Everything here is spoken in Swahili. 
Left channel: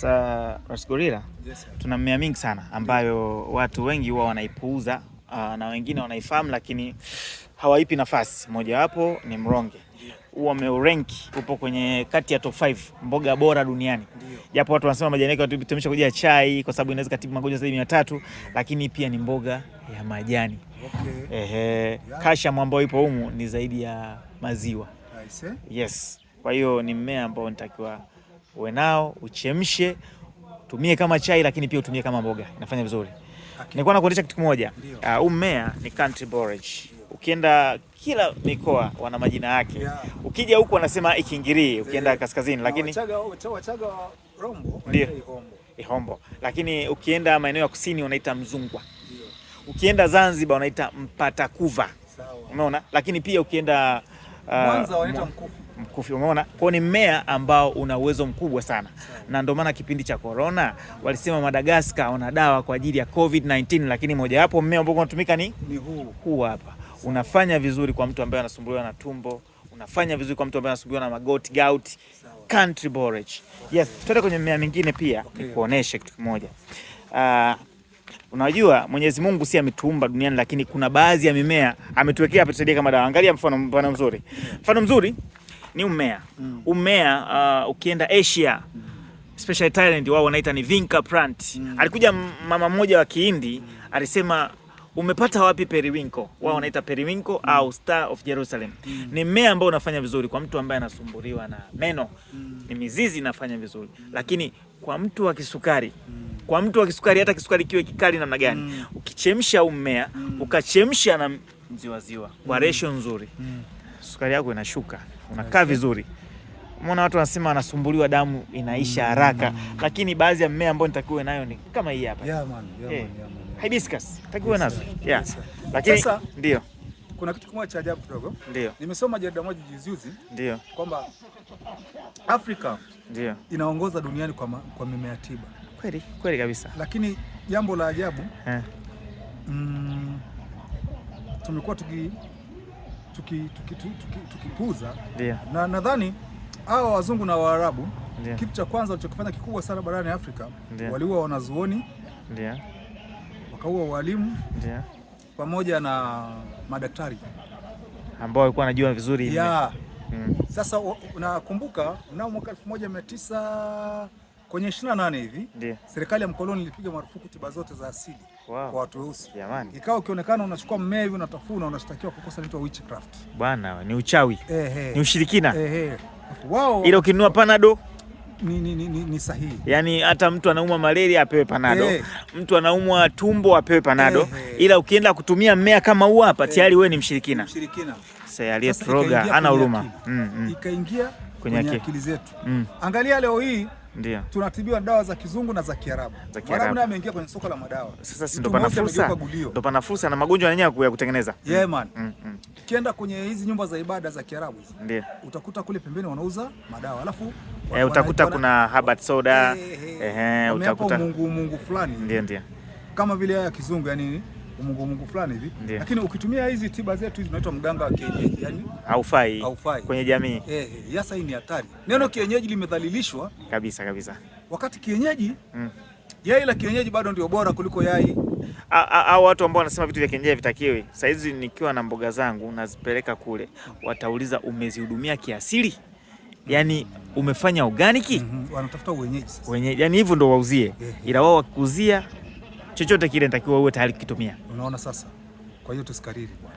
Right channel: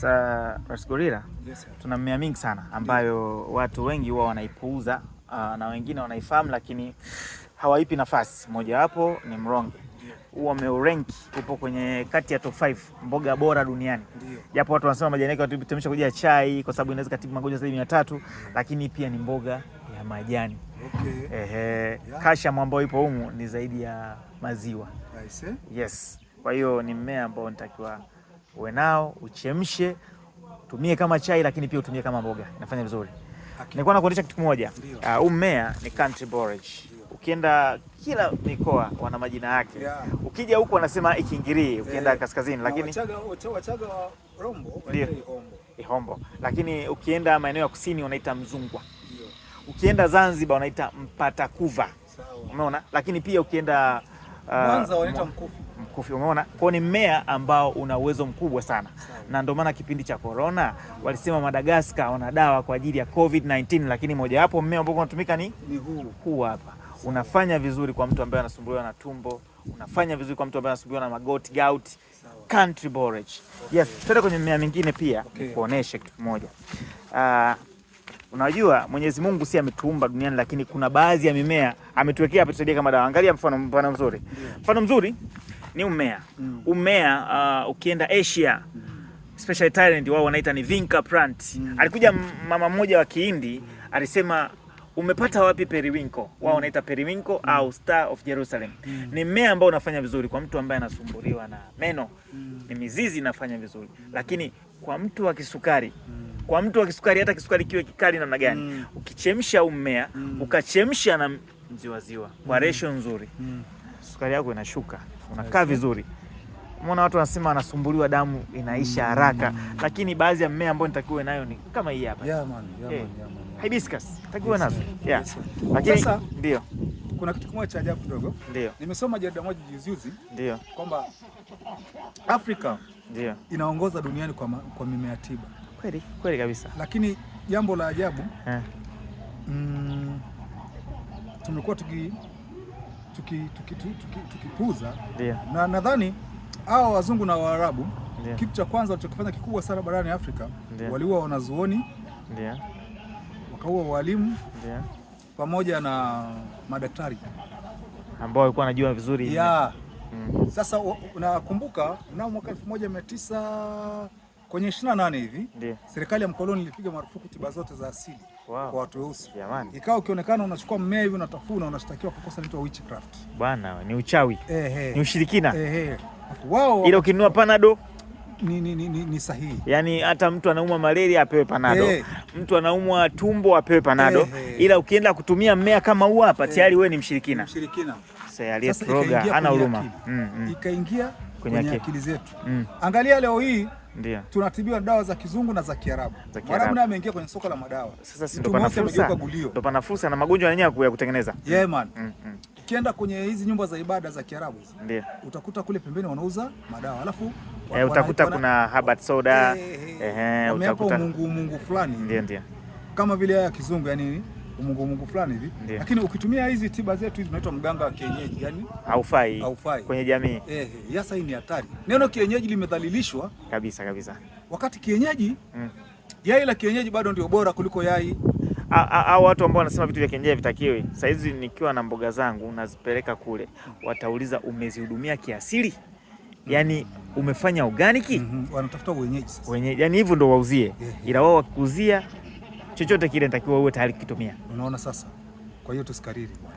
Sasa Rasgorilla, yes, tuna mimea mingi sana ambayo watu wengi huwa wanaipuuza na wengine wanaifahamu lakini hawaipi nafasi. Mojawapo ni mronge. Huo umeurenki, upo kwenye kati ya top 5 mboga bora duniani. Japo watu wanasema majani yake watumisha kujia chai kwa sababu inaweza kutibu magonjwa zaidi ya 300, lakini pia ni mboga ya majani. Okay. Calcium ambayo ipo humu ni zaidi ya maziwa. Yes. Kwa hiyo ni mmea ambao nitakiwa uwe nao, uchemshe, tumie kama chai lakini pia utumie kama mboga. Inafanya vizuri. Nilikuwa nakuonyesha kitu kimoja. Huu mmea ni country borage. Ukienda kila mikoa wana majina yake. Ukija huko wanasema ikingiri, ukienda kaskazini, lakini Wachaga Rombo wanaita ihombo. Lakini ukienda maeneo ya kusini wanaita mzungwa. Ukienda Zanzibar wanaita mpatakuva. Umeona? Lakini pia ukienda Mwanza wanaita mkufi, umeona? Kwa ni mmea ambao una uwezo mkubwa sana. Na ndio maana kipindi cha corona walisema Madagascar wana dawa kwa ajili ya COVID-19, lakini moja wapo mmea ambao unatumika ni huu hapa. Unafanya vizuri kwa mtu ambaye anasumbuliwa na tumbo, unafanya vizuri kwa mtu ambaye anasumbuliwa na magoti, gout, country borage. Yes, tuende kwenye mmea mingine pia nikuoneshe kitu kimoja. Unajua Mwenyezi Mungu si ametuumba duniani, lakini kuna baadhi ya mimea ametuwekea hapa tusaidia kama dawa. Angalia mfano mzuri. Mfano mzuri ni mmea. Mmea ukienda Asia, especially Thailand, wao wanaita ni vinca plant. Alikuja mama mmoja wa Kihindi alisema umepata wapi periwinkle? Wao wanaita periwinkle au Star of Jerusalem. Ni mmea ambao unafanya vizuri kwa mtu ambaye anasumbuliwa na meno. Ni mizizi inafanya vizuri. Lakini kwa mtu wa kisukari, hata kisukari kiwe kikali namna gani, ukichemsha mmea, ukachemsha na mziwaziwa kwa ratio nzuri, sukari yako inashuka, unakaa vizuri. Umeona watu wanasema anasumbuliwa damu inaisha haraka, lakini baadhi ya mmea ambao nitakiwa nayo ni kama hii hapa. Hibiscus, takiwa nazo. Lakini sasa ndio kuna kitu kimoja cha ajabu kidogo. Ndio. Nimesoma jarida moja juzi ndio kwamba Afrika inaongoza duniani kwa mimea tiba. Kweli kabisa. Lakini jambo la ajabu tumekuwa tukipuuza. Na nadhani hao wazungu na Waarabu kitu cha kwanza walichokifanya kikubwa sana barani Afrika, waliua wanazuoni, wakaua walimu, pamoja na madaktari ambao walikuwa wanajua vizuri. Sasa unakumbuka mnamo mwaka 1900 kwenye 28 hivi serikali ya mkoloni ilipiga marufuku tiba zote za asili kwa watu weusi. Ikawa ukionekana unachukua mmea hivi unatafuna, unashtakiwa kwa kosa linaloitwa witchcraft. Bwana, ni uchawi. Ni ushirikina. Wao ila ukinunua panado ni sahihi. Yaani hata mtu anaumwa malaria apewe panado. Mtu anaumwa tumbo apewe panado. Ila ukienda kutumia mmea kama huu hapa tayari wewe ni mshirikina. Sasa aliyetroga ana huruma. Ikaingia kwenye akili zetu. Angalia leo hii tunatibiwa dawa za kizungu na za Kiarabu. Mwarabu naye ameingia kwenye soko la madawa. Sasa ndo pana fursa na magonjwa yenyewe ya kutengeneza. Ukienda kwenye hizi nyumba za ibada za Kiarabu utakuta kule pembeni wanauza madawa. Alafu utakuta kuna herbal soda, utakuta mungu fulani. Ndio. Kama vile ya kizungu, yani mungu fulani hivi. Lakini ukitumia hizi tiba zetu hizi zinaitwa mganga wa kienyeji, yani haufai kwenye jamii. Sasa hii ni hatari. Neno kienyeji limedhalilishwa kabisa. Wakati kienyeji yai la kienyeji bado ndio bora kuliko yai. Au watu ambao wanasema vitu vya kienyeji vitakiwi. Sasa hizi nikiwa na mboga zangu nazipeleka kule, watauliza umezihudumia kiasili? Yani umefanya organic? Wanatafuta wenyeji sasa. Yani hivyo ndo wauzie. Ila wao wakuzia chochote kile nitakiwa uwe tayari kukitumia. Unaona sasa. Kwa hiyo tusikariri bwana.